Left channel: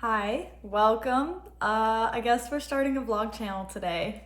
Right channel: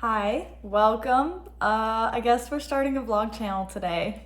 Hi, welcome. I guess we're starting a vlog channel today.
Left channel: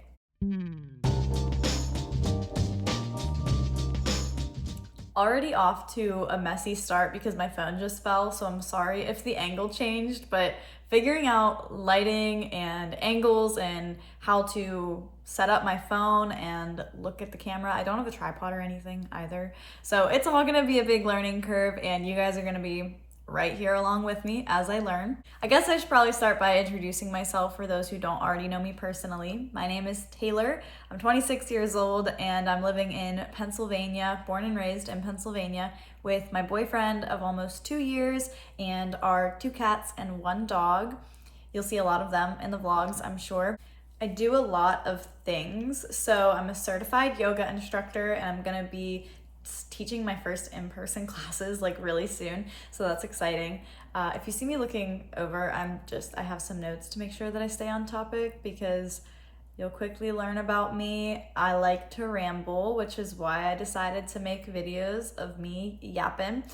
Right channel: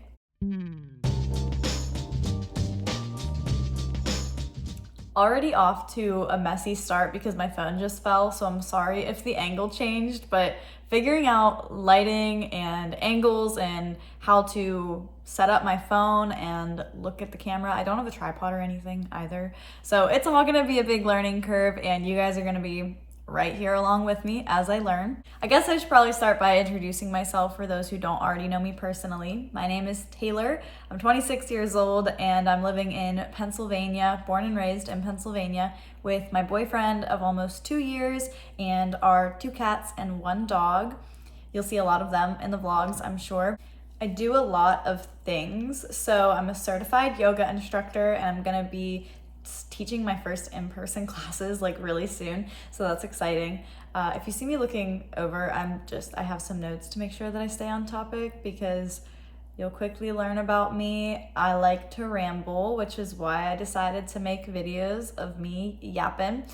Already off to a messy start because my phone just fell, so I'm sorry if the angle changed, but figuring out lighting and angles and how to set up my phone and look at the camera. I don't have a tripod or anything either, so it's all gonna be a big learning curve, and you guys are gonna be right here along with me as I learn. I guess I should probably start by introducing myself for those who don't already know me personally. My name is Taylor. I'm 26 years old and I'm living in Pennsylvania, born and raised in Pennsylvania, with my boyfriend of almost 2 years and our 2 cats and 1 dog. You'll see a lot of them in the vlogs, I'm sure. I do a lot of things. So I'm a certified yoga instructor and I'm gonna be teaching my first in-person classes like really soon, so that's exciting. If you see me looking over, I have some notes to make sure that I stay on topic because you'll quickly learn about me. I like to ramble, which is why I decided to make videos of me yapping.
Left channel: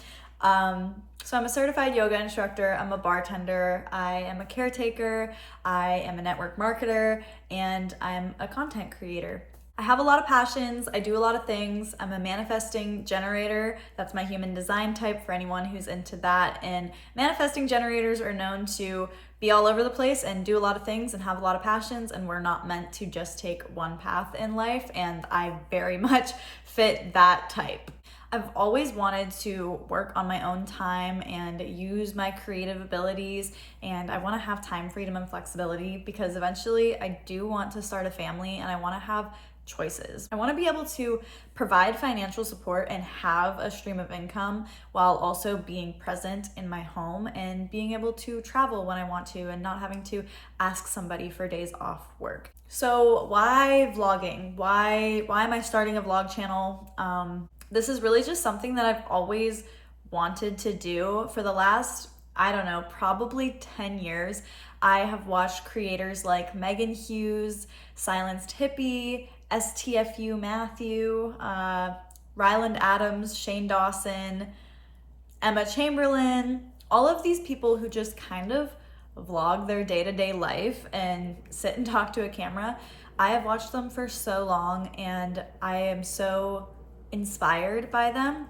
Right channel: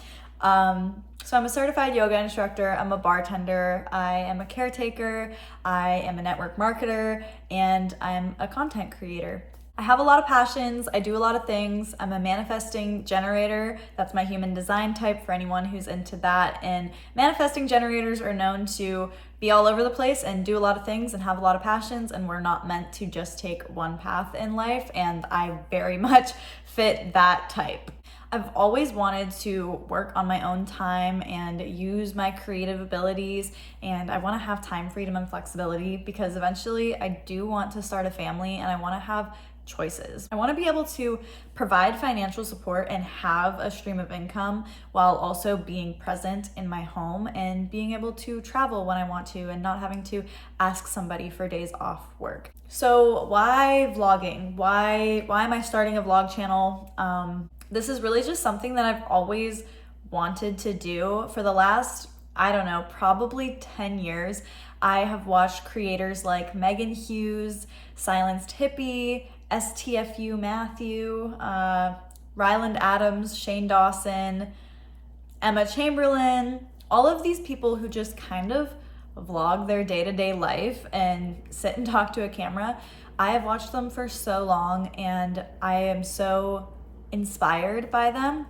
So I'm a certified yoga instructor, I'm a bartender, I am a caretaker, I am a network marketer, and I'm a content creator. I have a lot of passions, I do a lot of things. I'm a manifesting generator. That's my human design type for anyone who's into that. And manifesting generators are known to be all over the place and do a lot of things and have a lot of passions, and we're not meant to just take one path in life, and I very much fit that type. I've always wanted to work on my own time and use my creative abilities, and I want to have time freedom and flexibility because eventually I do want to start a family and I want to have choices. I want to be able to provide financial support and have a stream of income while also being present in my home and being able to travel when I want to and not having to ask somebody for days off work. So why vlogging? Why am I starting a vlog channel? This is really just something that I've always wanted to do for the last, I don't know, probably 10 years. I have watched creators like Megan Hughes, Silenced Hippie, STFU Matthew, Ryland Adams, Shane Dawson, Emma Chamberlain, all of these people who just kind of vlog their day-to-day life and sit and talk to a camera. I have watched them for so long and I am so inspired by them.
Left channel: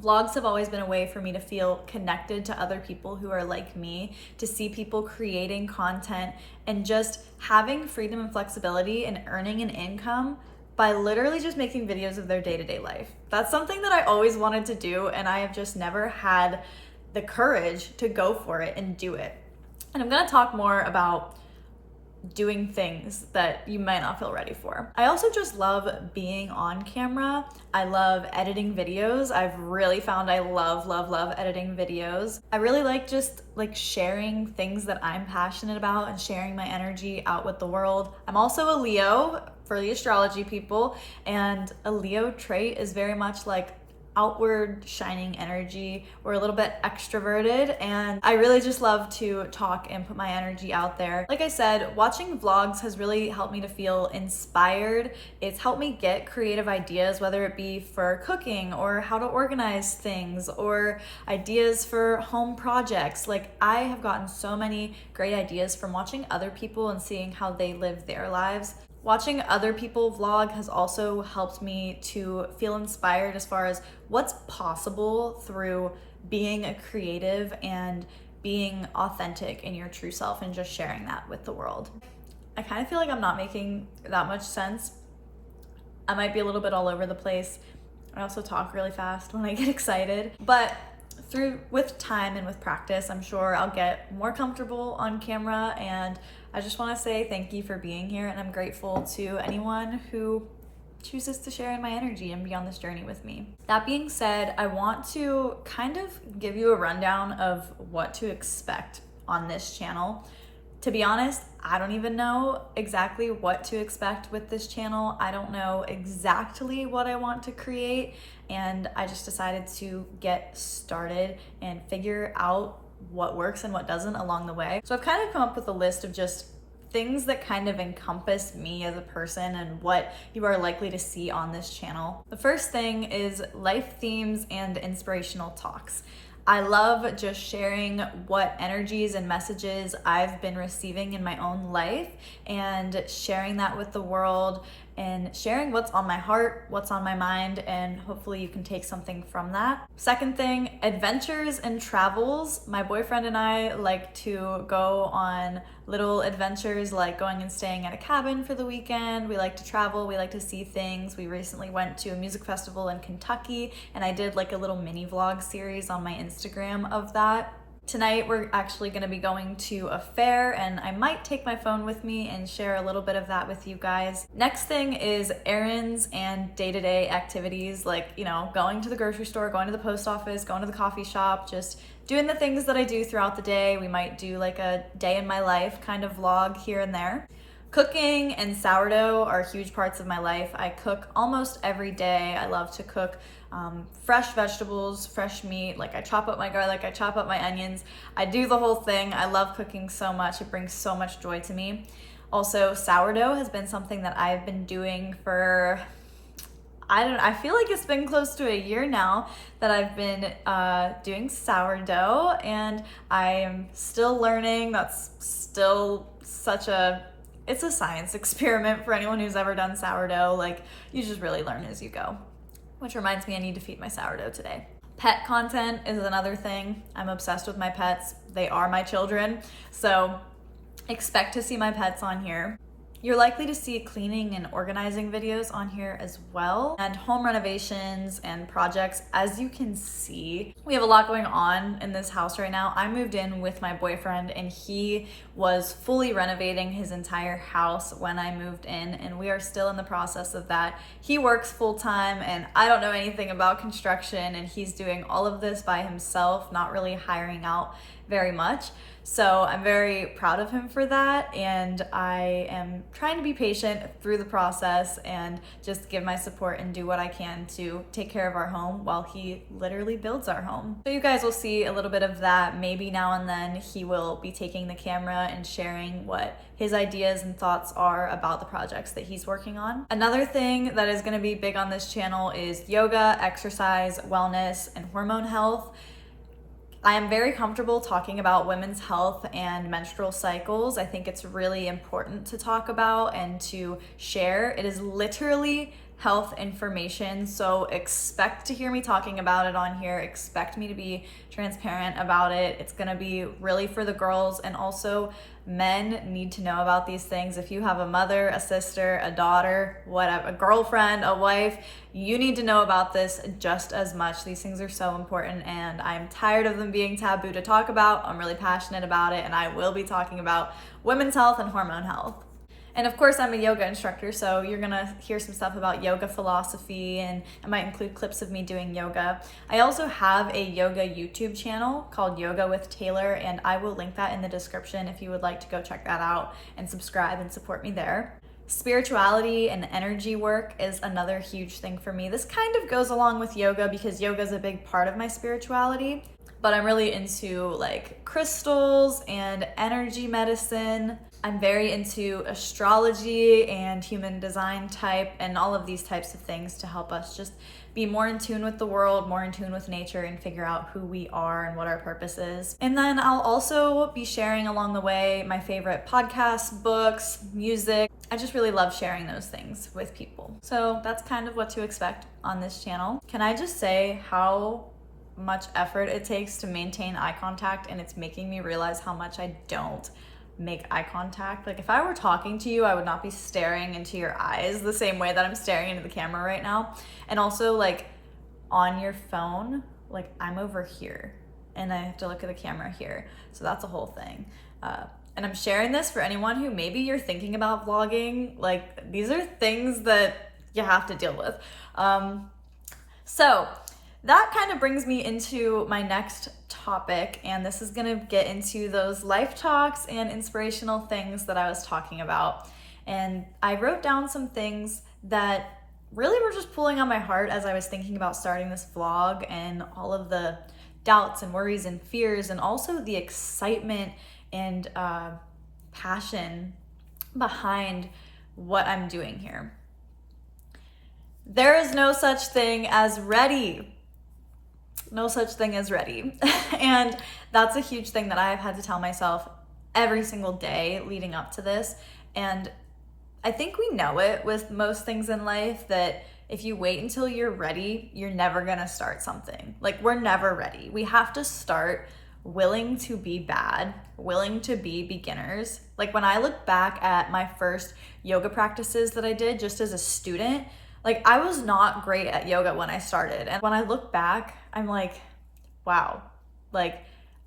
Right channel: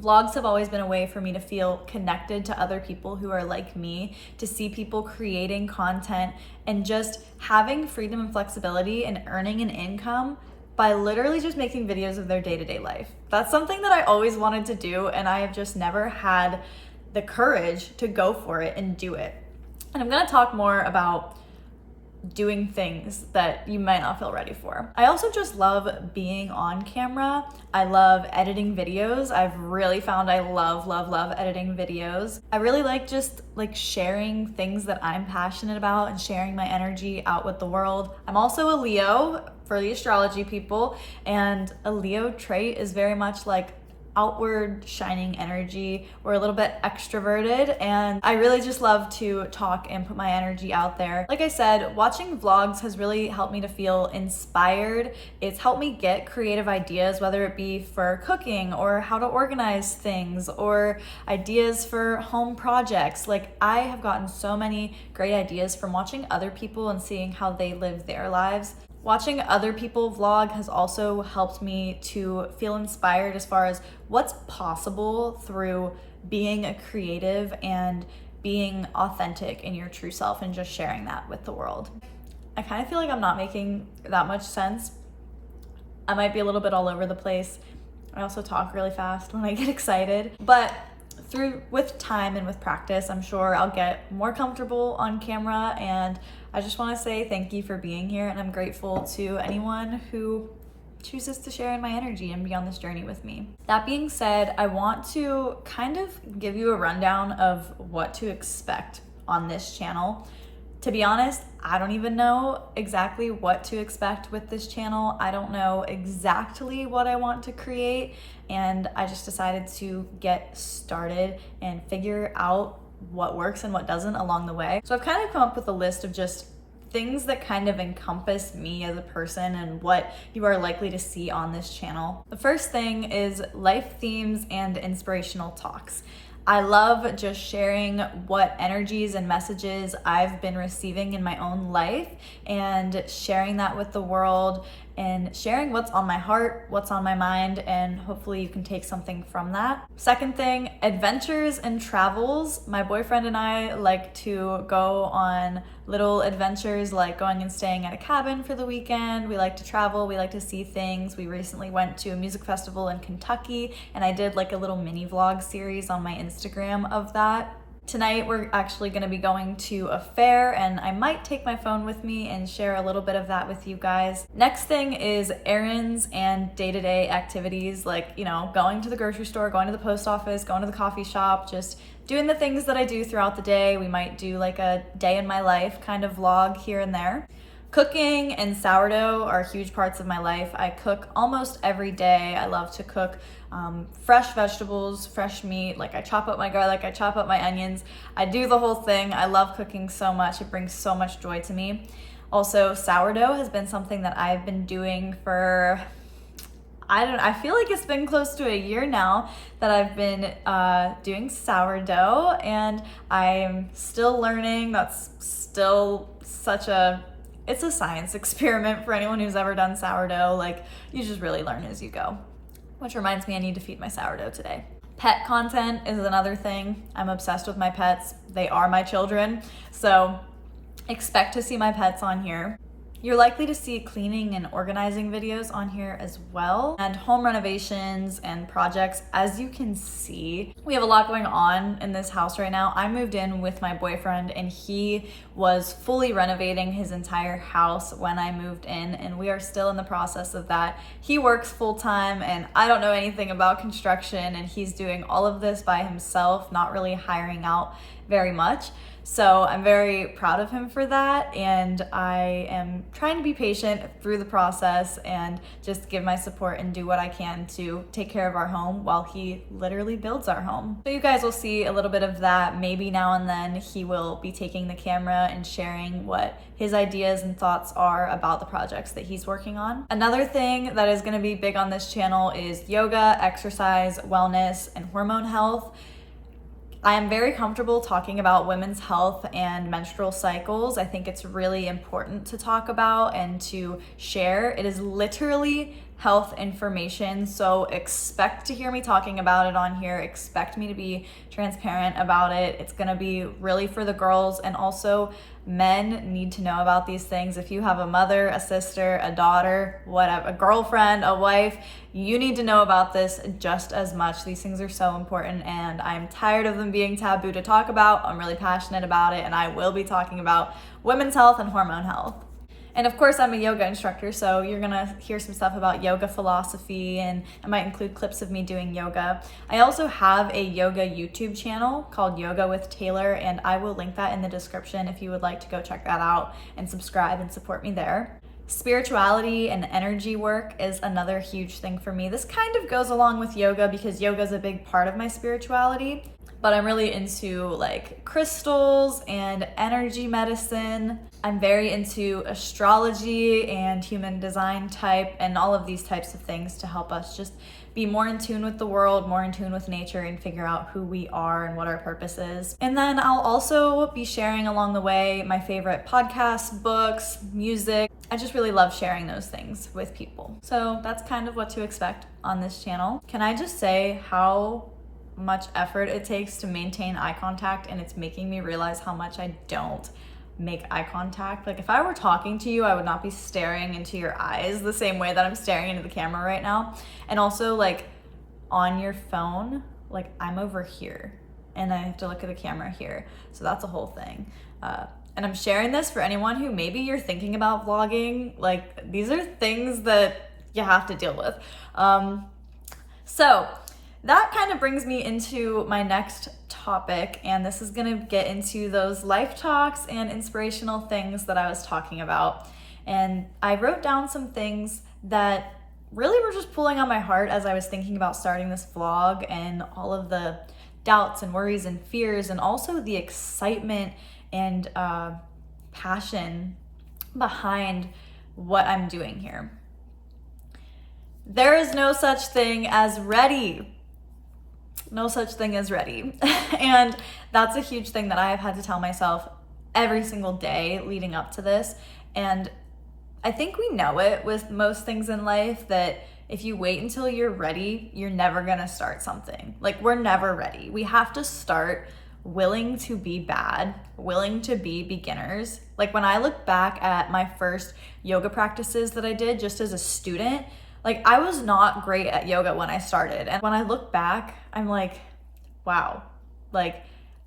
Vlogs have always been a way for me to feel connected to other people who are like me, to see people creating content and just having freedom and flexibility and earning an income by literally just making videos of their day-to-day life. That's something that I always wanted to do, and I have just never had the courage to go for it and do it. And I'm gonna talk more about doing things that you might not feel ready for. I also just love being on camera. I love editing videos. I've really found I love editing videos. I really like just sharing things that I'm passionate about and sharing my energy out with the world. I'm also a Leo for the astrology people, and a Leo trait is very much like outward shining energy. We're a little bit extroverted, and I really just love to talk and put my energy out there. Like I said, watching vlogs has really helped me to feel inspired. It's helped me get creative ideas, whether it be for cooking or how to organize things or ideas for home projects. Like, I have gotten so many great ideas from watching other people and seeing how they live their lives. Watching other people vlog has also helped me to feel inspired as far as what's possible through being a creative and being authentic in your true self and just sharing that with the world. I kind of feel like I'm not making that much sense. I might be a little bit all over the place. I also talk really fast when I get excited, but with time and with practice, I'm sure I'll get more comfortable on camera, and I just want to say thank you for being here, and I'm grateful to anyone who chooses to share in my energy and be on this journey with me. That being said, I want to kind of give you a rundown of what to expect on this channel. To be honest, I don't even know exactly what to expect with this channel. I don't know exactly what I want to create, and I just decided to get started and figure out what works and what doesn't along the way. So I've kind of come up with a list of just things that kind of encompass me as a person and what you are likely to see on this channel. The first thing is life themes and inspirational talks. I love just sharing what energies and messages I've been receiving in my own life and sharing that with the world and sharing what's on my heart, what's on my mind, and hopefully you can take something from that. Second thing, adventures and travels. My boyfriend and I like to go on little adventures like going and staying at a cabin for the weekend. We like to travel, we like to see things. We recently went to a music festival in Kentucky and I did like a little mini vlog series on my Instagram of that. Tonight we're actually going to be going to a fair and I might take my phone with me and share a little bit of that with you guys. Next thing is errands and day-to-day activities like, you know, going to the grocery store, going to the post office, going to the coffee shop, just doing the things that I do throughout the day. We might do like a day in my life kind of vlog here and there. Cooking and sourdough are huge parts of my life. I cook almost every day. I love to cook fresh vegetables, fresh meat. Like I chop up my garlic, I chop up my onions. I do the whole thing. I love cooking so much. It brings so much joy to me. Also, sourdough has been something that I've been doing for, I feel like it's been close to a year now that I've been doing sourdough and I'm still learning. That's still it's a science experiment for anyone who's ever done sourdough. Like you just really learn as you go. Which reminds me, I need to feed my sourdough today. Pet content is another thing. I'm obsessed with my pets. They are my children. So expect to see my pets on here. You're likely to see cleaning and organizing videos on here as well, and home renovations and projects. As you can see, we have a lot going on in this house right now. I moved in with my boyfriend and he was fully renovating his entire house when I moved in, and we are still in the process of that. He works full-time and I don't know anything about construction, and he's doing all of this by himself, not really hiring out very much. So I'm very proud of him for that, and I am trying to be patient through the process and just give my support and do what I can to take care of our home while he literally builds our home. So you guys will see a little bit of that. Maybe now and then he will be taking the camera and sharing what his ideas and thoughts are about the projects that he's working on. Another thing that is going to be big on this channel is yoga, exercise, wellness, and hormone health. I am very comfortable talking about women's health and menstrual cycles. I think it's really important to talk about and to share. It is literally health information, so expect to hear me talking about it on here. Expect me to be transparent about it. It's gonna be really for the girls, and also men need to know about these things. If you have a mother, a sister, a daughter, whatever, a girlfriend, a wife, you need to know about this just as much. These things are so important and I'm tired of them being taboo to talk about. I'm really passionate about it, and I will be talking about women's health and hormone health. And of course, I'm a yoga instructor, so you're gonna hear some stuff about yoga philosophy, and I might include clips of me doing yoga. I also have a yoga YouTube channel called Yoga with Taylor, and I will link that in the description if you would like to go check that out and subscribe and support me there. Spirituality and energy work is another huge thing for me. This kind of goes along with yoga because yoga is a big part of my spirituality, but I'm really into like crystals and energy medicine. I'm very into astrology and human design type and all of these types of things to help us just be more in tune with the world, more in tune with nature, and figure out who we are and what our purpose is. And then I'll also be sharing along the way my favorite podcasts, books, music. I just really love sharing those things with people. So that's kind of what to expect on this channel. Can I just say how much effort it takes to maintain eye contact, and it's making me realize how much I don't make eye contact. Like if I were talking to you, I would not be staring into your eyes the same way that I'm staring into the camera right now. And also like on your phone, like I'm over here and I have to look at the camera here. So that's a whole thing. And I'm sharing this for anyone who maybe you're thinking about vlogging. Like these are things that you have to deal with. So that kind of brings me into my next topic, and this is gonna get into those life talks and inspirational things that I was talking about. And I wrote down some things that really were just pulling on my heart as I was thinking about starting this vlog, and all of the doubts and worries and fears, and also the excitement and passion behind what I'm doing here. There is no such thing as ready. no such thing as ready. And that's a huge thing that I've had to tell myself every single day leading up to this. And I think we know it with most things in life, that if you wait until you're ready, you're never gonna start something. Like, we're never ready. We have to start willing to be bad, willing to be beginners. Like, when I look back at my first yoga practices that I did just as a student, like, I was not great at yoga when I started. And when I look back, I'm like, wow, like,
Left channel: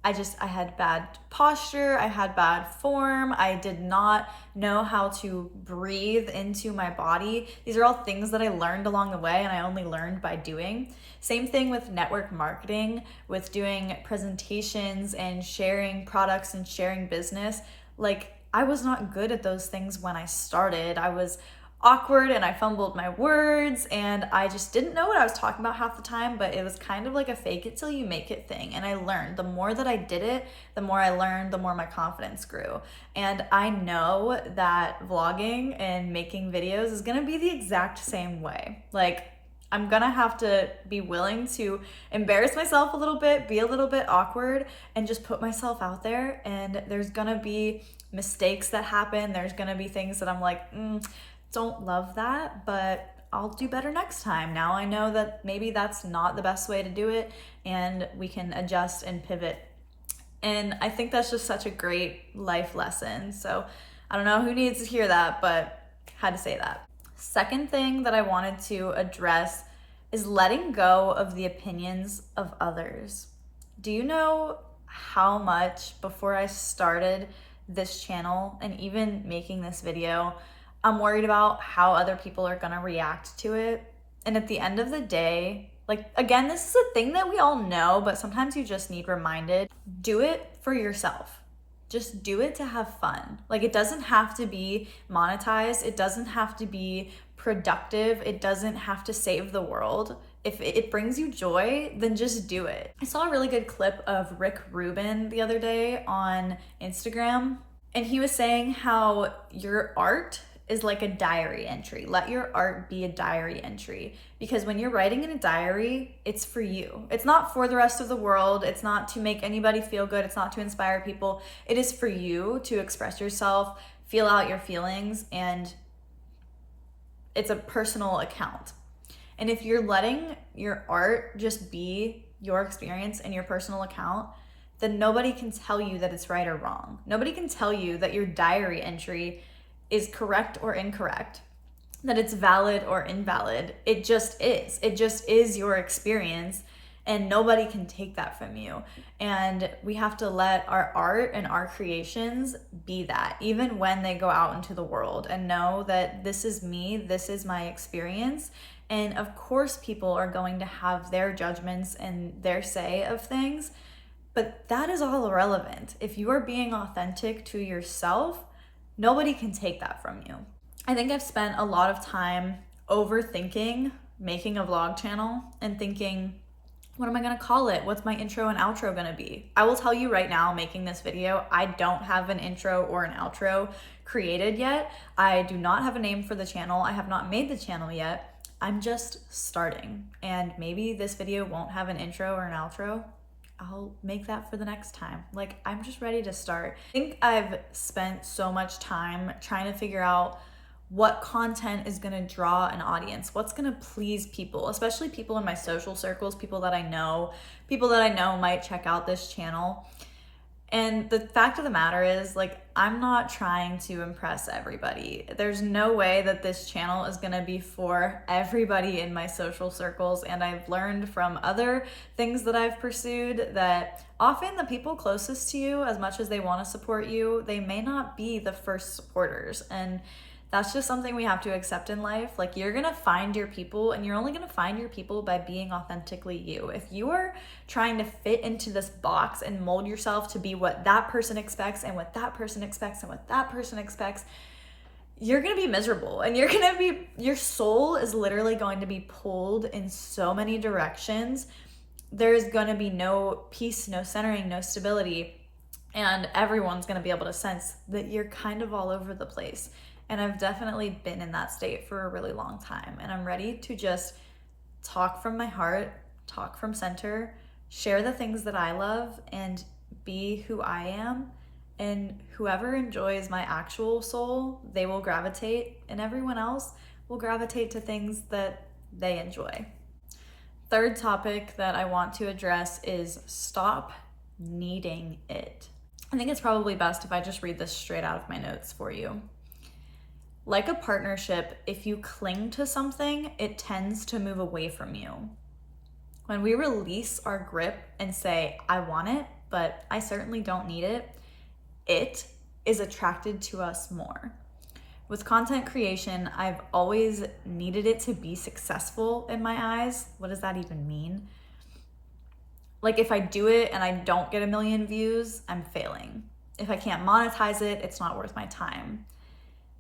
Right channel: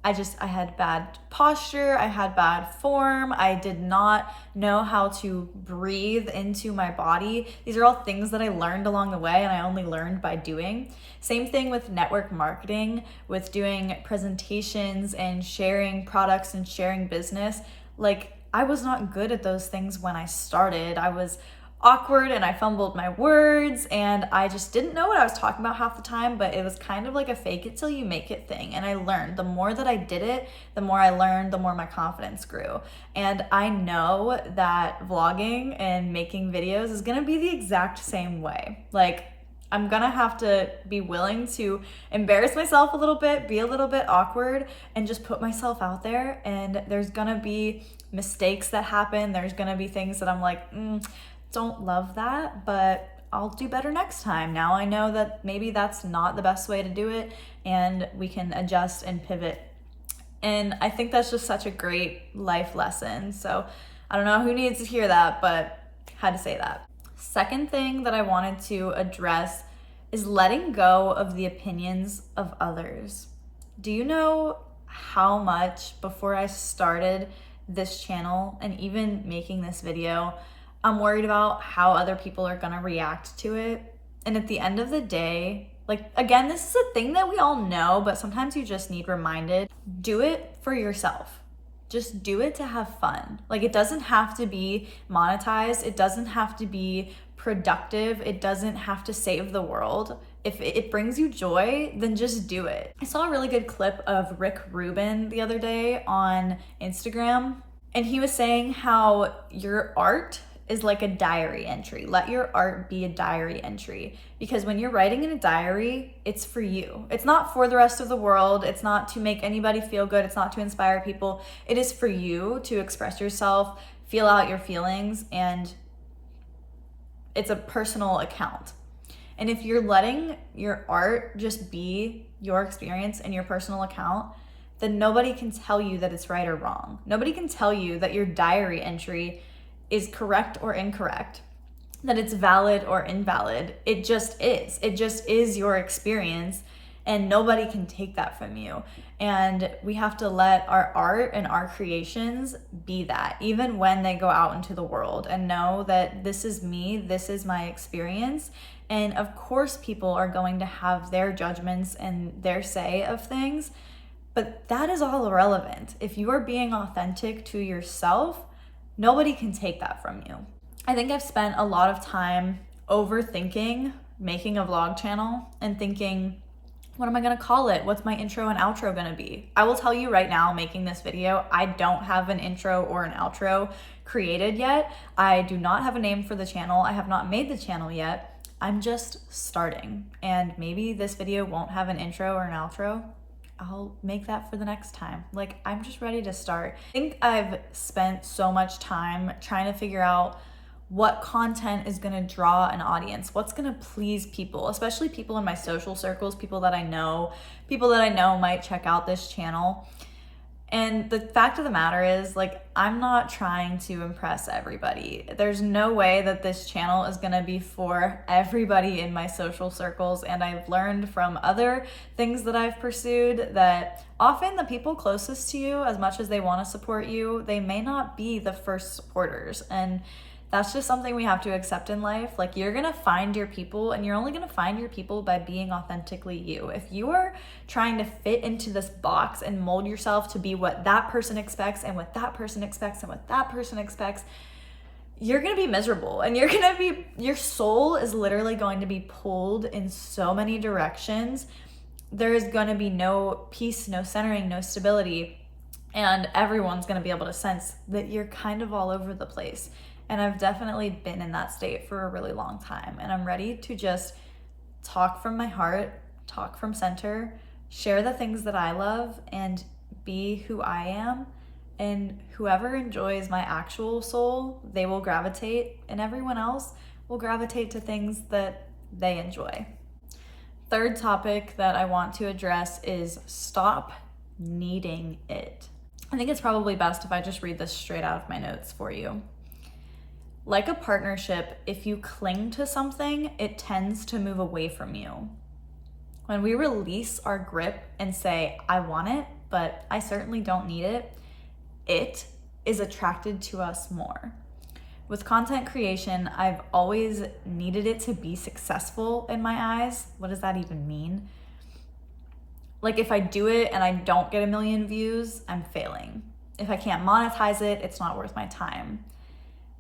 I had bad posture, I had bad form, I did not know how to breathe into my body. These are all things that I learned along the way, and I only learned by doing. Same thing with network marketing, with doing presentations and sharing products and sharing business. Like, I was not good at those things when I started. I was awkward and I fumbled my words and I just didn't know what I was talking about half the time, but it was kind of like a fake it till you make it thing. And I learned, the more that I did it, the more I learned, the more my confidence grew. And I know that vlogging and making videos is gonna be the exact same way. Like, I'm gonna have to be willing to embarrass myself a little bit, be a little bit awkward, and just put myself out there. And there's gonna be mistakes that happen. There's gonna be things that I'm like, don't love that, but I'll do better next time. Now I know that maybe that's not the best way to do it, and we can adjust and pivot. And I think that's just such a great life lesson. So I don't know who needs to hear that, but had to say that. Second thing that I wanted to address is letting go of the opinions of others. Do you know how much before I started this channel and even making this video, I'm worried about how other people are gonna react to it? And at the end of the day, like, again, this is a thing that we all know, but sometimes you just need reminded. Do it for yourself. Just do it to have fun. Like, it doesn't have to be monetized. It doesn't have to be productive. It doesn't have to save the world. If it brings you joy, then just do it. I saw a really good clip of Rick Rubin the other day on Instagram, and he was saying how your art is like a diary entry. Let your art be a diary entry. Because when you're writing in a diary, it's for you. It's not for the rest of the world. It's not to make anybody feel good. It's not to inspire people. It is for you to express yourself, feel out your feelings, and it's a personal account. And if you're letting your art just be your experience and your personal account, then nobody can tell you that it's right or wrong. Nobody can tell you that your diary entry is correct or incorrect, that it's valid or invalid. It just is. It just is your experience, and nobody can take that from you. And we have to let our art and our creations be that, even when they go out into the world, and know that this is me, this is my experience. And of course, people are going to have their judgments and their say of things, but that is all irrelevant. If you are being authentic to yourself, nobody can take that from you. I think I've spent a lot of time overthinking making a vlog channel and thinking, what am I gonna call it? What's my intro and outro gonna be? I will tell you right now, making this video, I don't have an intro or an outro created yet. I do not have a name for the channel. I have not made the channel yet. I'm just starting, and maybe this video won't have an intro or an outro. I'll make that for the next time. Like, I'm just ready to start. I think I've spent so much time trying to figure out what content is gonna draw an audience, what's gonna please people, especially people in my social circles, people that I know might check out this channel. And the fact of the matter is, like, I'm not trying to impress everybody. There's no way that this channel is gonna be for everybody in my social circles. And I've learned from other things that I've pursued that often the people closest to you, as much as they wanna support you, they may not be the first supporters. And that's just something we have to accept in life. Like, you're gonna find your people, and you're only gonna find your people by being authentically you. If you are trying to fit into this box and mold yourself to be what that person expects and what that person expects and what that person expects, you're gonna be miserable, and your soul is literally going to be pulled in so many directions. There's gonna be no peace, no centering, no stability, and everyone's gonna be able to sense that you're kind of all over the place. And I've definitely been in that state for a really long time. And I'm ready to just talk from my heart, talk from center, share the things that I love, and be who I am. And whoever enjoys my actual soul, they will gravitate, and everyone else will gravitate to things that they enjoy. Third topic that I want to address is stop needing it. I think it's probably best if I just read this straight out of my notes for you. Like a partnership, if you cling to something, it tends to move away from you. When we release our grip and say, I want it, but I certainly don't need it, it is attracted to us more. With content creation, I've always needed it to be successful in my eyes. What does that even mean? Like if I do it and I don't get 1 million views, I'm failing. If I can't monetize it, it's not worth my time.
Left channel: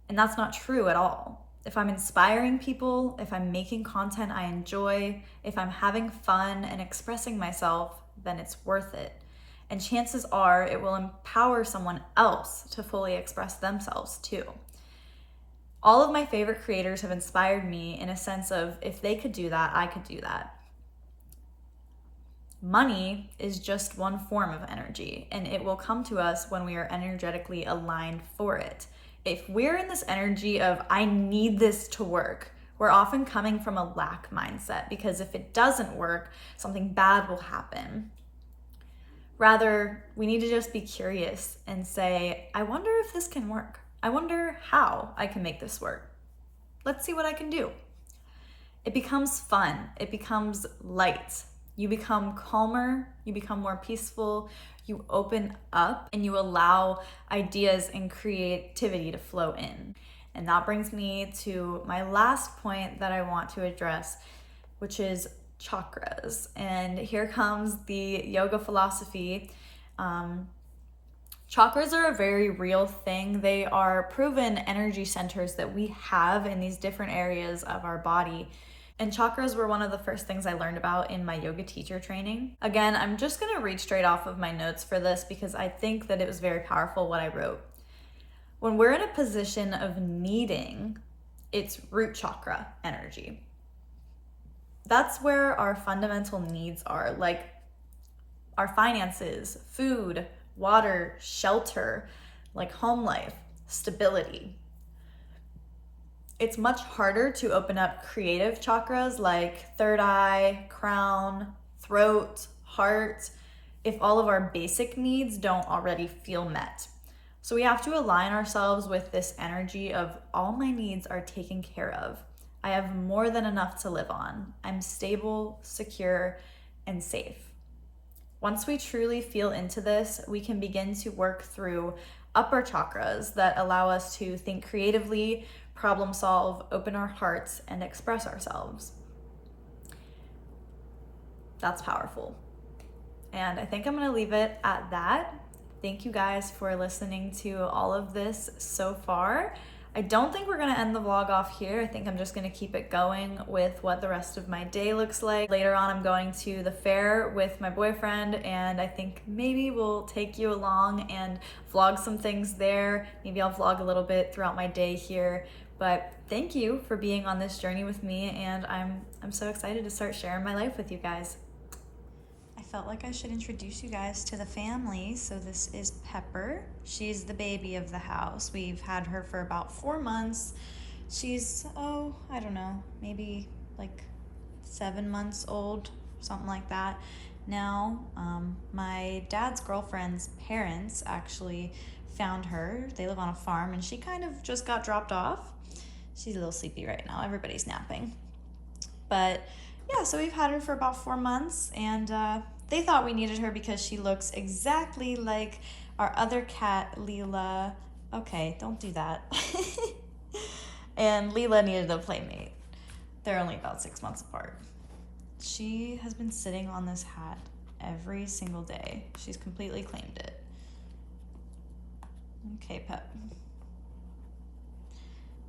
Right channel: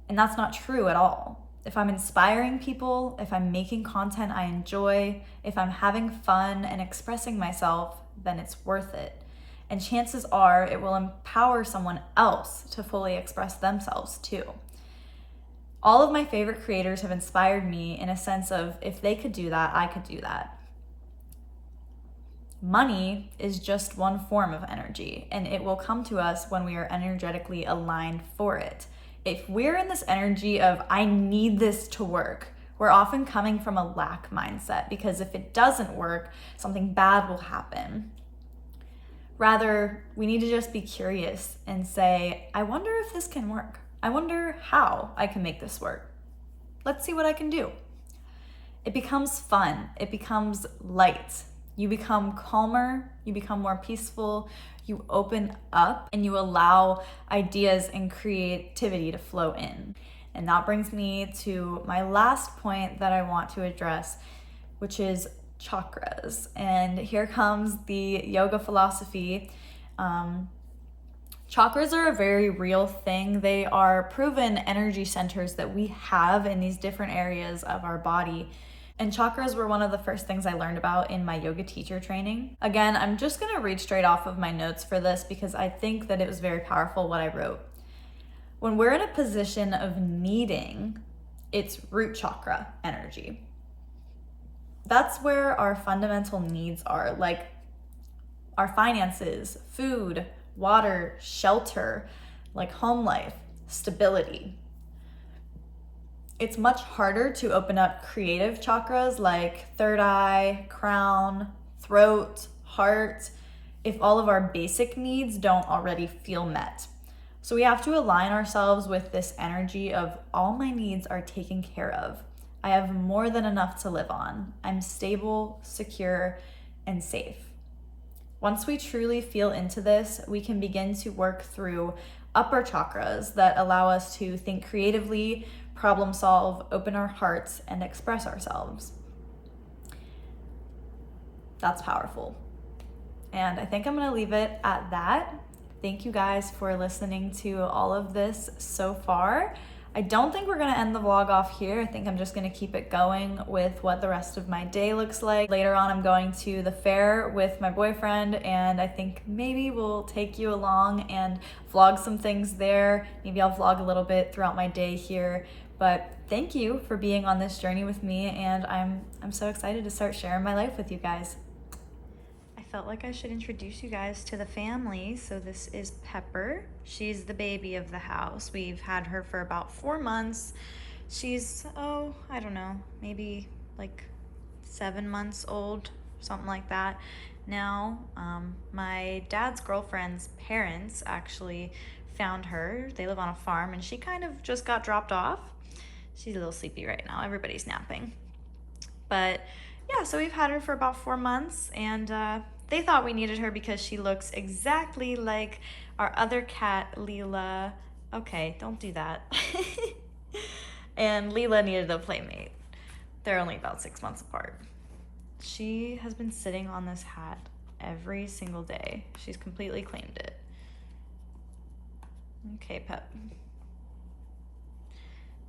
And that's not true at all. If I'm inspiring people, if I'm making content I enjoy, if I'm having fun and expressing myself, then it's worth it. And chances are it will empower someone else to fully express themselves too. All of my favorite creators have inspired me in a sense of if they could do that, I could do that. Money is just one form of energy, and it will come to us when we are energetically aligned for it. If we're in this energy of, I need this to work, we're often coming from a lack mindset, because if it doesn't work, something bad will happen. Rather, we need to just be curious and say, I wonder if this can work. I wonder how I can make this work. Let's see what I can do. It becomes fun. It becomes light. You become calmer. You become more peaceful. You open up and you allow ideas and creativity to flow in. And that brings me to my last point that I want to address, which is chakras. And here comes the yoga philosophy. Chakras are a very real thing. They are proven energy centers that we have in these different areas of our body. And chakras were one of the first things I learned about in my yoga teacher training. Again, I'm just gonna read straight off of my notes for this because I think that it was very powerful what I wrote. When we're in a position of needing, it's root chakra energy. That's where our fundamental needs are, like our finances, food, water, shelter, like home life, stability. It's much harder to open up creative chakras like third eye, crown, throat, heart, if all of our basic needs don't already feel met. So we have to align ourselves with this energy of all my needs are taken care of. I have more than enough to live on. I'm stable, secure, and safe. Once we truly feel into this, we can begin to work through upper chakras that allow us to think creatively, problem solve, open our hearts, and express ourselves. That's powerful. And I think I'm gonna leave it at that. Thank you guys for listening to all of this so far. I don't think we're gonna end the vlog off here. I think I'm just gonna keep it going with what the rest of my day looks like. Later on, I'm going to the fair with my boyfriend, and I think maybe we'll take you along and vlog some things there. Maybe I'll vlog a little bit throughout my day here. But thank you for being on this journey with me, and I'm so excited to start sharing my life with you guys. I felt like I should introduce you guys to the family. So this is Pepper. She's the baby of the house. We've had her for about 4 months. She's, I don't know, maybe like 7 months old, something like that. Now, my dad's girlfriend's parents actually found her. They live on a farm, and she kind of just got dropped off. She's a little sleepy right now. Everybody's napping. But yeah, so we've had her for about 4 months, and they thought we needed her because she looks exactly like our other cat, Leela. Okay, don't do that. And Leela needed a playmate. They're only about 6 months apart. She has been sitting on this hat every single day. She's completely claimed it. Okay, Pep.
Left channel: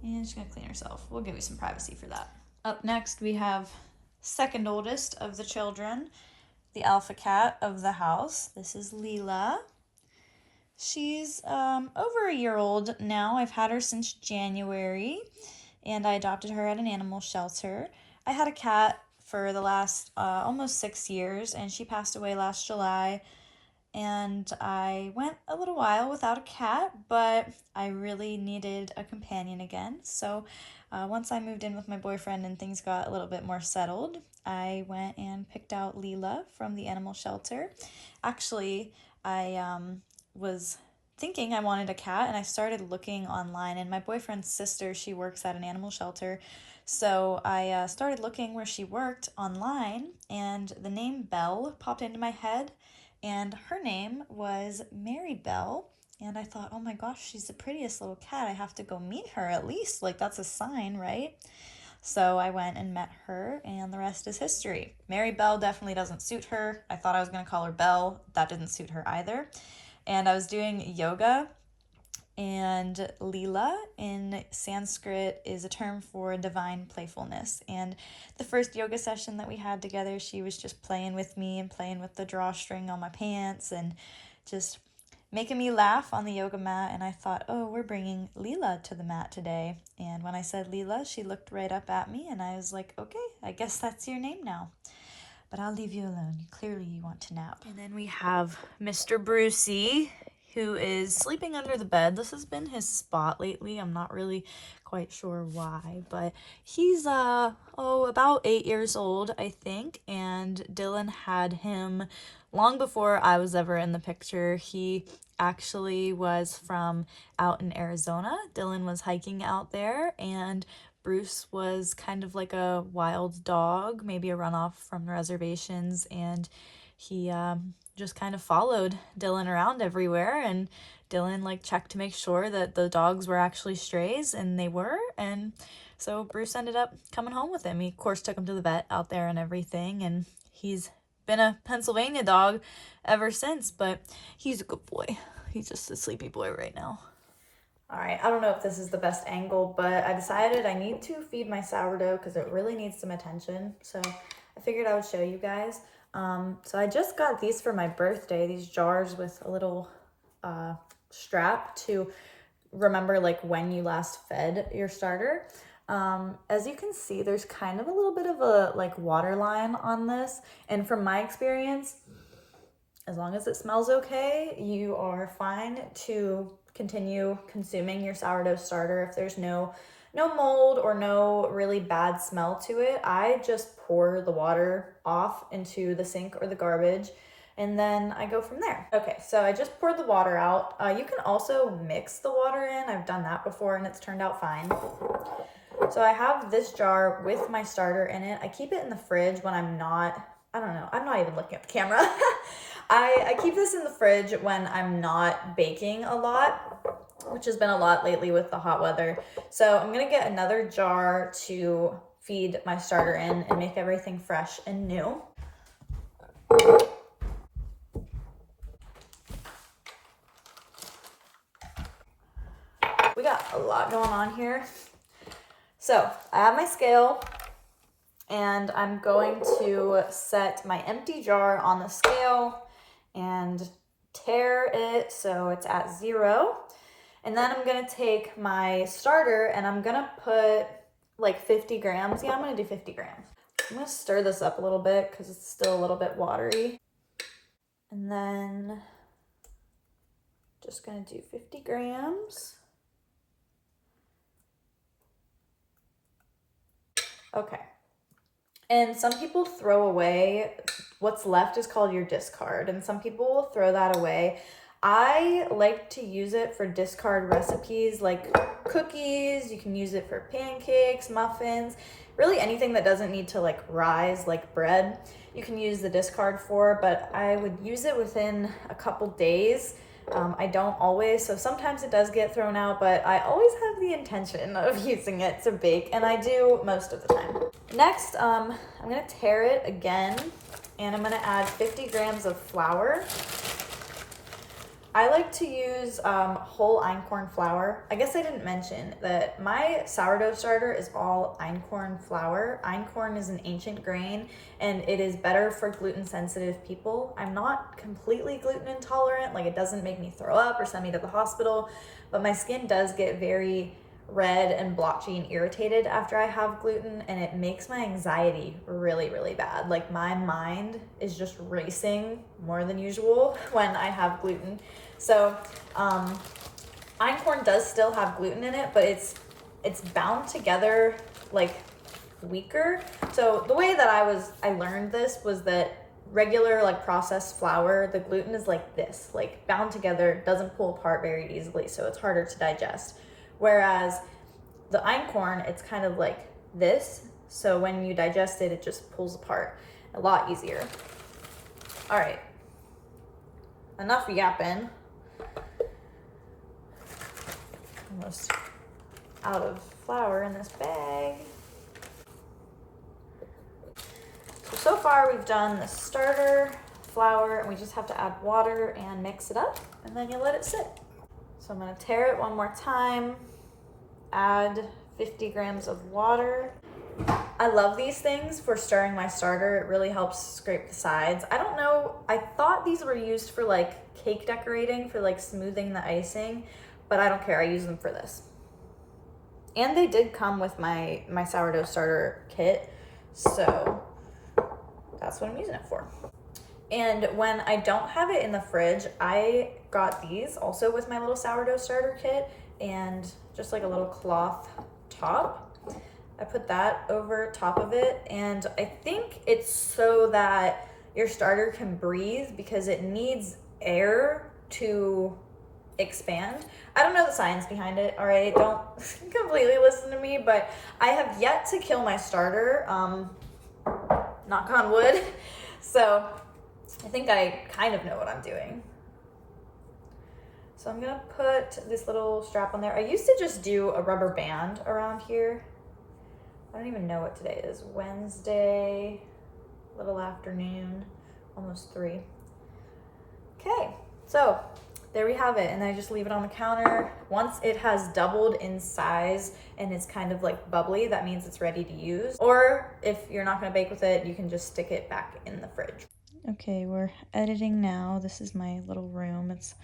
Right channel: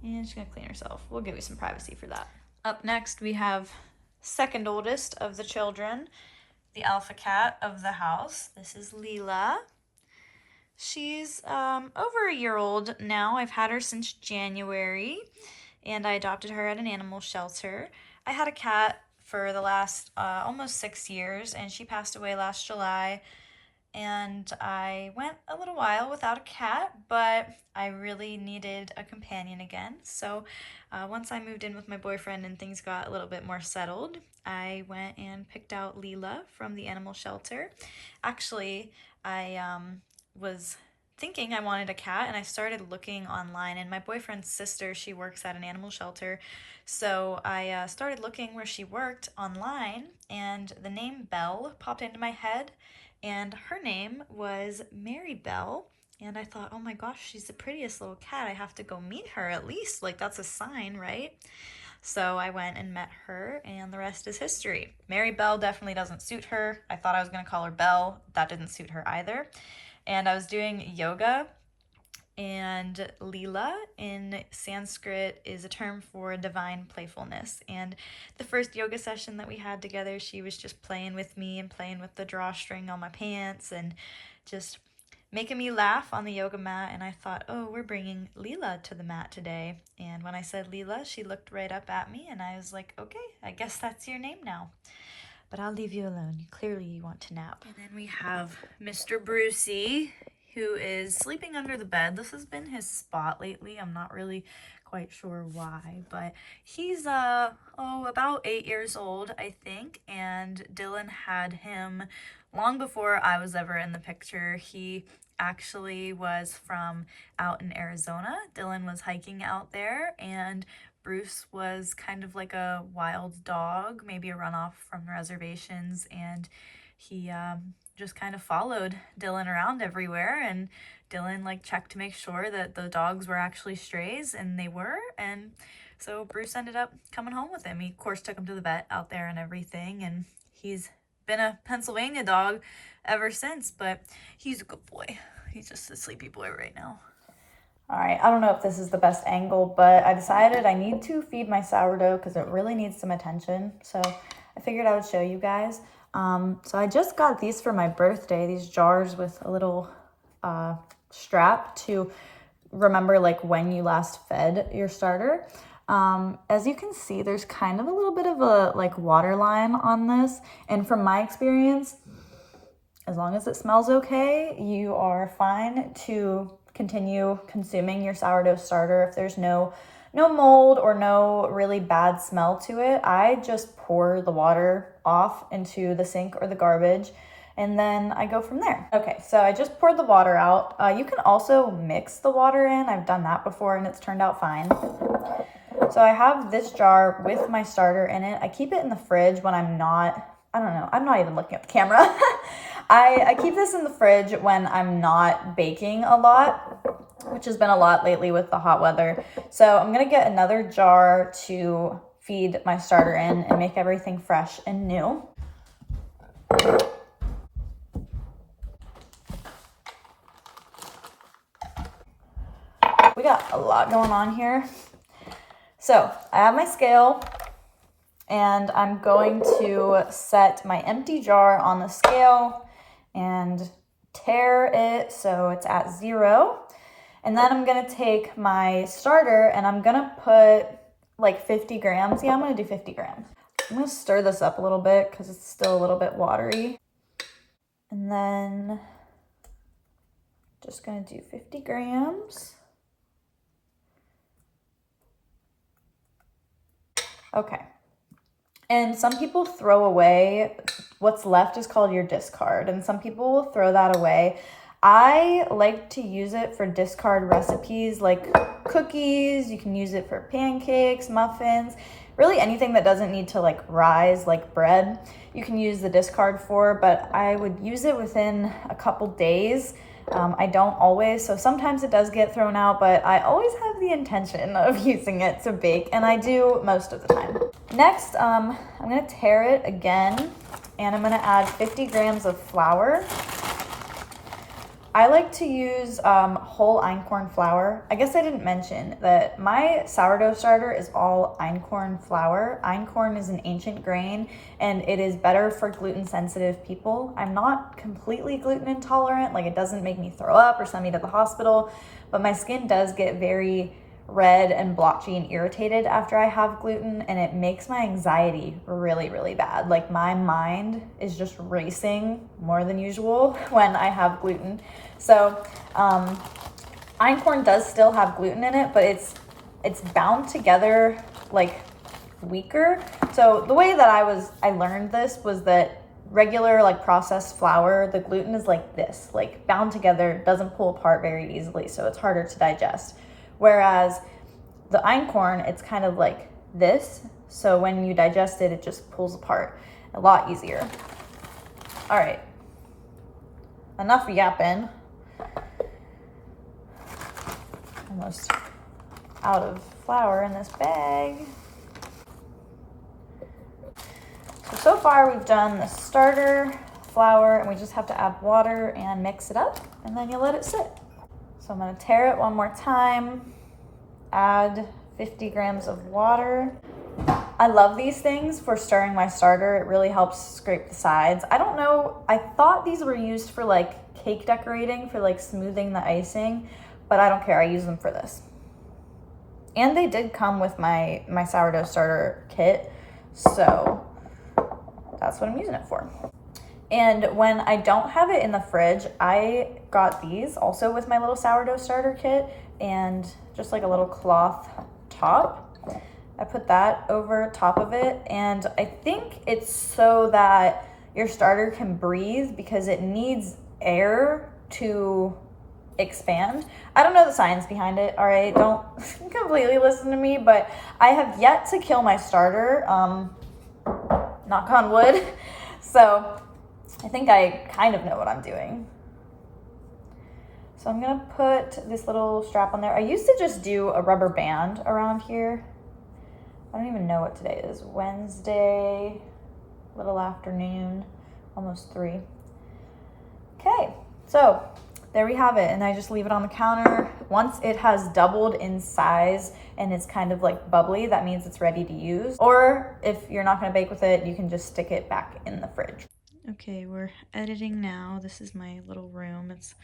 And she's gonna clean herself. We'll give you some privacy for that. Up next, we have second oldest of the children, the alpha cat of the house. This is Leela. She's over a year old now. I've had her since January, and I adopted her at an animal shelter. I had a cat for the last almost 6 years, and she passed away last July. And I went a little while without a cat, but I really needed a companion again. So once I moved in with my boyfriend and things got a little bit more settled, I went and picked out Leela from the animal shelter. Actually, I was thinking I wanted a cat, and I started looking online, and my boyfriend's sister, she works at an animal shelter. So I started looking where she worked online, and the name Belle popped into my head, and her name was Mary Belle. And I thought, oh my gosh, she's the prettiest little cat. I have to go meet her at least. Like, that's a sign, right? So I went and met her, and the rest is history. Mary Belle definitely doesn't suit her. I thought I was going to call her Belle. That didn't suit her either. And I was doing yoga, and Leela in Sanskrit is a term for divine playfulness. And the first yoga session that we had together, she was just playing with me and playing with the drawstring on my pants and just making me laugh on the yoga mat. And I thought, oh, we're bringing Leela to the mat today. And when I said Leela, she looked right up at me, and I was like, okay, I guess that's your name now. But I'll leave you alone. Clearly you want to nap. And then we have Mr. Brucey, who is sleeping under the bed. This has been his spot lately. I'm not really quite sure why, but he's about 8 years old, I think, and Dylan had him long before I was ever in the picture. He actually was from out in Arizona. Dylan was hiking out there, and Bruce was kind of like a wild dog, maybe a runoff from the reservations, and he just kind of followed Dylan around everywhere, and Dylan like checked to make sure that the dogs were actually strays, and they were. And so Bruce ended up coming home with him. He of course took him to the vet out there and everything, and he's been a Pennsylvania dog ever since, but he's a good boy. He's just a sleepy boy right now. All right, I don't know if this is the best angle, but I decided I need to feed my sourdough because it really needs some attention. So I figured I would show you guys. So I just got these for my birthday, these jars with a little strap to remember like when you last fed your starter. As you can see, there's kind of a little bit of a like water line on this. And from my experience, as long as it smells okay, you are fine to continue consuming your sourdough starter. If there's no mold or no really bad smell to it, I just pour the water off into the sink or the garbage, and then I go from there. Okay, so I just poured the water out. You can also mix the water in. I've done that before and it's turned out fine. So I have this jar with my starter in it. I keep it in the fridge when I'm not even looking at the camera. I keep this in the fridge when I'm not baking a lot, which has been a lot lately with the hot weather. So I'm gonna get another jar to feed my starter in and make everything fresh and new. We got a lot going on here. So I have my scale, and I'm going to set my empty jar on the scale and tare it so it's at 0. And then I'm gonna take my starter and I'm gonna put like 50 grams. Yeah, I'm gonna do 50 grams. I'm gonna stir this up a little bit because it's still a little bit watery. And then just gonna do 50 grams. Okay. And some people throw away what's left is called your discard, and some people will throw that away. I like to use it for discard recipes like cookies. You can use it for pancakes, muffins, really anything that doesn't need to like rise like bread. You can use the discard for, but I would use it within a couple days. I don't always, so sometimes it does get thrown out, but I always have the intention of using it to bake, and I do most of the time. Next, I'm gonna tare it again, and I'm gonna add 50 grams of flour. I like to use whole einkorn flour. I guess I didn't mention that my sourdough starter is all einkorn flour. Einkorn is an ancient grain, and it is better for gluten-sensitive people. I'm not completely gluten intolerant, like it doesn't make me throw up or send me to the hospital, but my skin does get very red and blotchy and irritated after I have gluten, and it makes my anxiety really, really bad. Like my mind is just racing more than usual when I have gluten. So einkorn does still have gluten in it, but it's bound together like weaker. So the way that I learned this was that regular like processed flour, the gluten is like this, like bound together, doesn't pull apart very easily, so it's harder to digest. Whereas the einkorn, it's kind of like this, so when you digest it, it just pulls apart a lot easier. All right, enough yapping. Almost out of flour in this bag. So far we've done the starter, flour, and we just have to add water and mix it up, and then you let it sit. So I'm gonna tare it one more time, add 50 grams of water. I love these things for stirring my starter. It really helps scrape the sides. I don't know, I thought these were used for like cake decorating, for like smoothing the icing, but I don't care, I use them for this. And they did come with my sourdough starter kit, so that's what I'm using it for. And when I don't have it in the fridge, I got these also with my little sourdough starter kit, and just like a little cloth top. I put that over top of it, and I think it's so that your starter can breathe because it needs air to expand. I don't know the science behind it, all right? Don't completely listen to me, but I have yet to kill my starter, knock on wood. So I think I kind of know what I'm doing. So I'm gonna put this little strap on there. I used to just do a rubber band around here. I don't even know what today is. Wednesday, little afternoon, almost 3. Okay, so there we have it, and I just leave it on the counter. Once it has doubled in size and it's kind of like bubbly, that means it's ready to use. Or if you're not gonna bake with it, you can just stick it back in the fridge. Okay, we're editing now. This is my little room. It's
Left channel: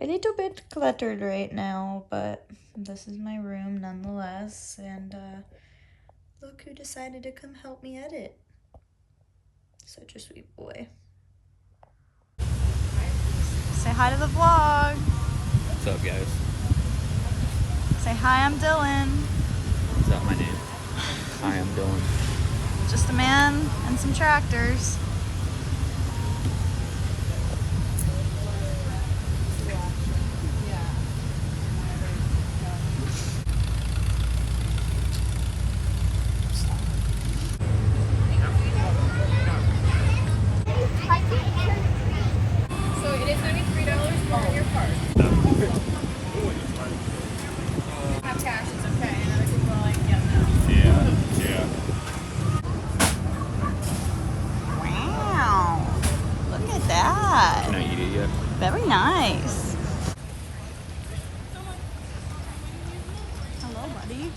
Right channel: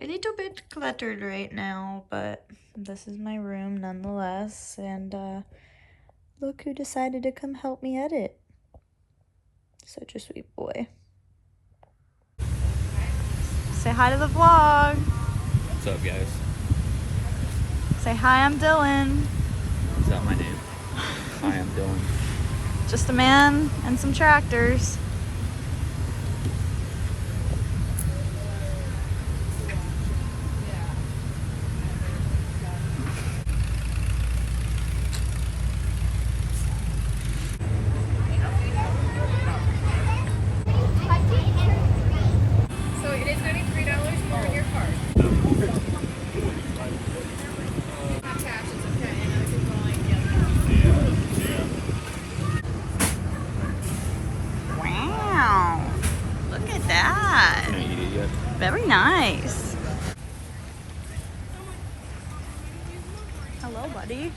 a little bit cluttered right now, but this is my room nonetheless. And look who decided to come help me edit. Such a sweet boy. Say hi to the vlog. What's up, guys? Say hi, I'm Dylan. Is that my name? Hi, I'm Dylan. Just a man and some tractors. Very nice. Hello, buddy.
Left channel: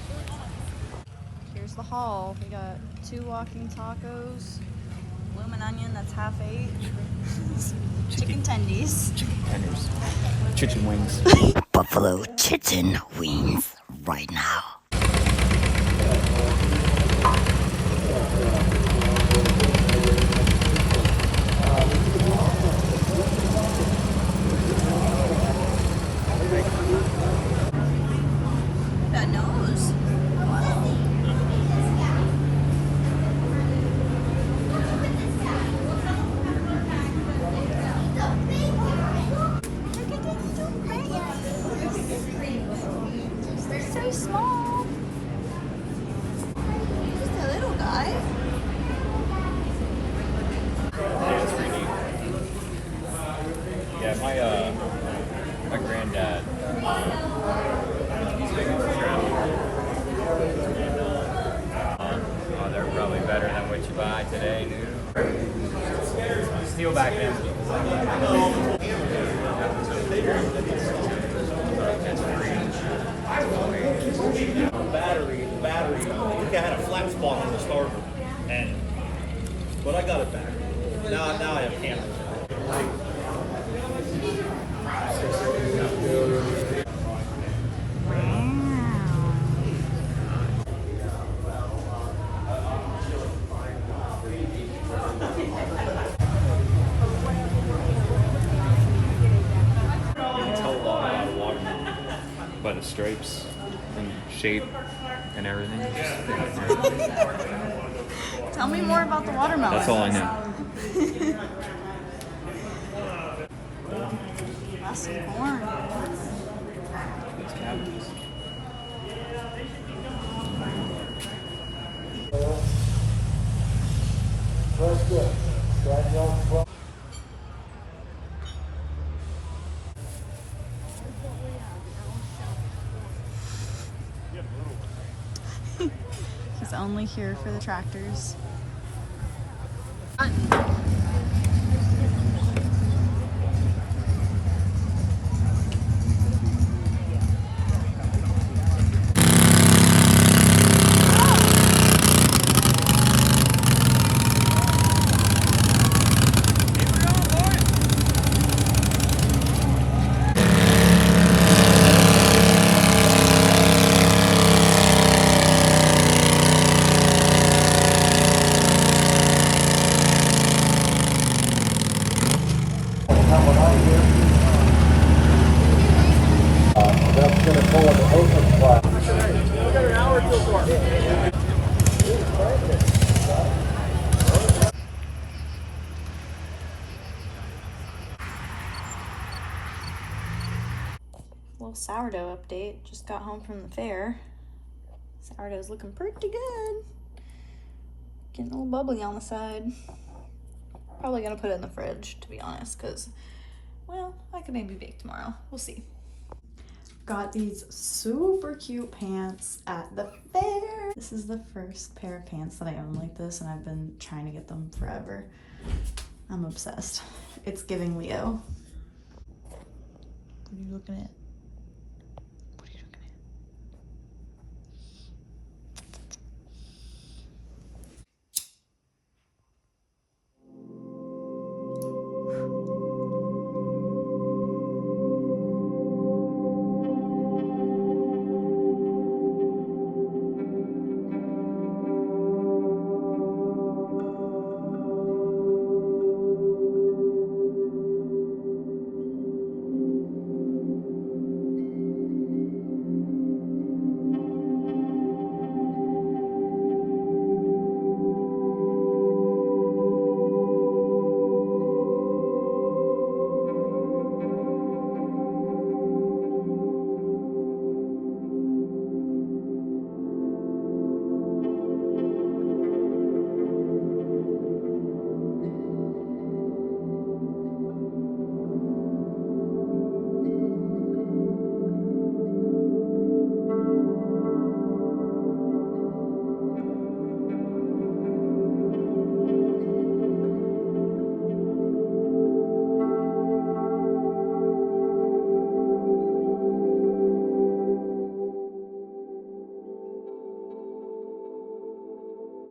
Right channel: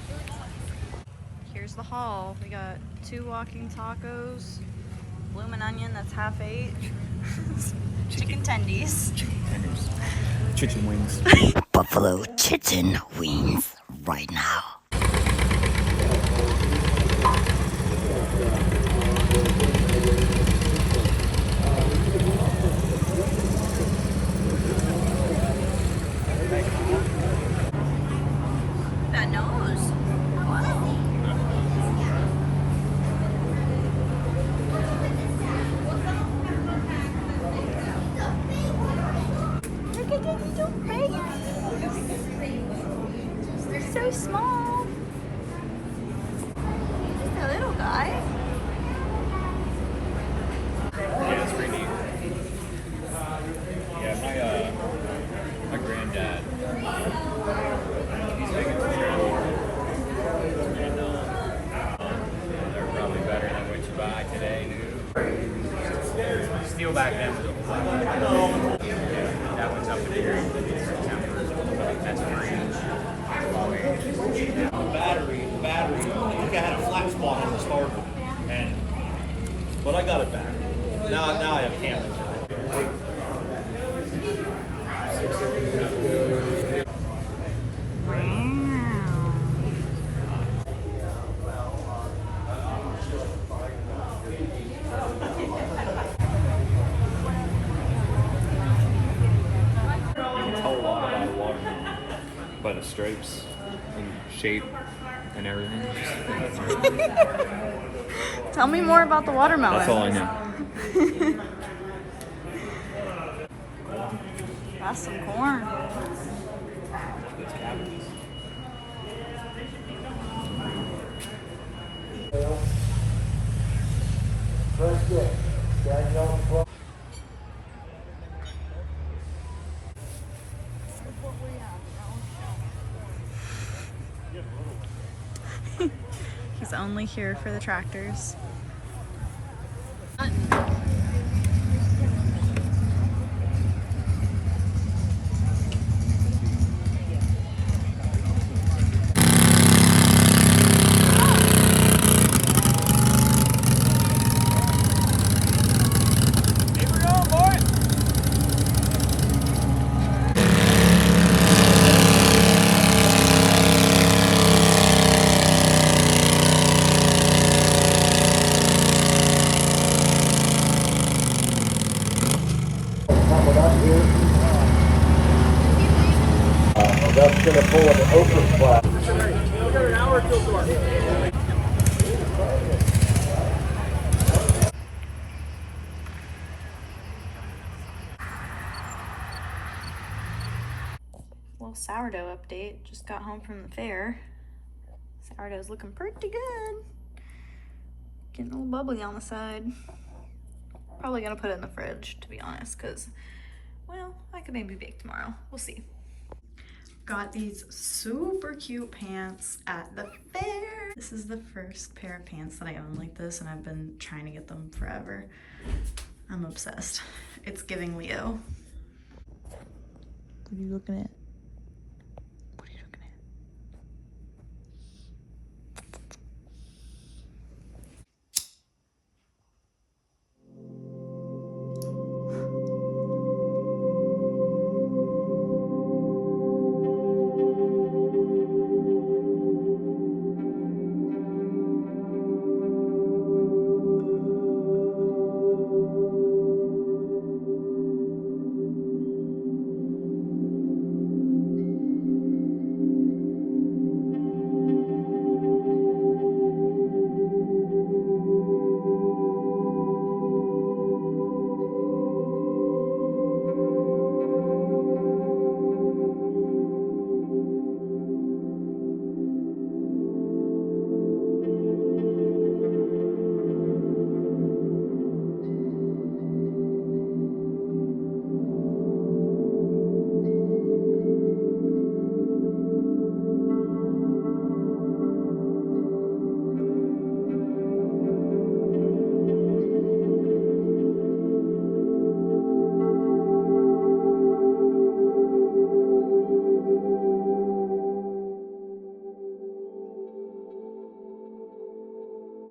Here's the haul. We got 2 walking tacos, bloomin' onion that's half ate, chicken tendies, Chicken wings. Buffalo chicken wings right now. that nose. Wow. Look at this little babies. They're so small. Just a little guy. Yeah, my granddad. They're probably better than what you buy today, dude. Steal back in. Battery. I think I had a flat spot on the starter, but I got it back. Now I have cameras. Wow. By the stripes and shape and everything. Tell me more about the watermelon. That's all I know. That's some corn. That's cabbages. He's only here for the tractors. That's going to pull an open flag. We got an hour till dark. Little sourdough update. Just got home from the fair. Sourdough's looking pretty good. Getting a little bubbly on the side. Probably gonna put it in the fridge, to be honest, because, well, I could maybe bake tomorrow. We'll see. Got these super cute pants at the fair. This is the first pair of pants that I own like this, and I've been trying to get them forever. I'm obsessed. It's giving Leo. What are you looking at?